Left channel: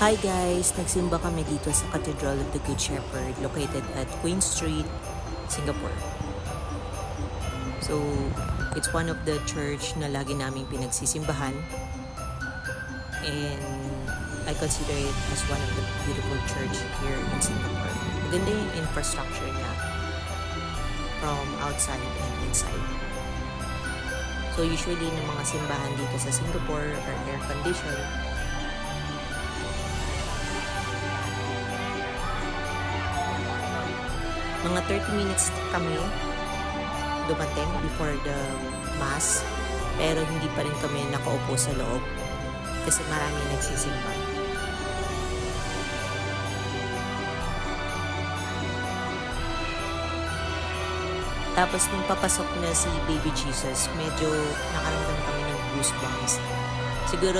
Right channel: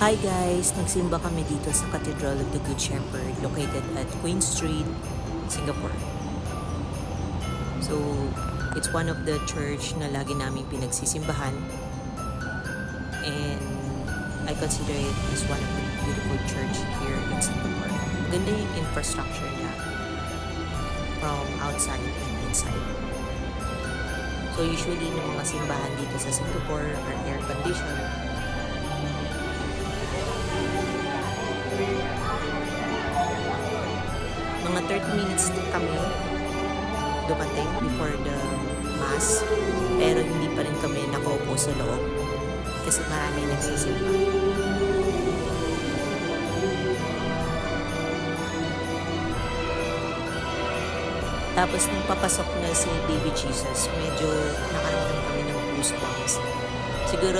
Hi guys! Nagsimba kami dito sa Cathedral of the Good Shepherd located at Queen Street, Singapore. So, it's one of the church na lagi naming pinagsisimbahan and I consider it as one of the beautiful church here in Singapore. Maganda yung infrastructure niya from outside and inside. So, usually ng mga simbahan dito sa Singapore are air-conditioned. Mga 30 minutes kami dumating before the mass, pero hindi pa rin kami nakaupo sa loob kasi maraming nagsisimba. Tapos nung papasok na si Baby Jesus, medyo nakaramdam kami ng goosebumps. Siguro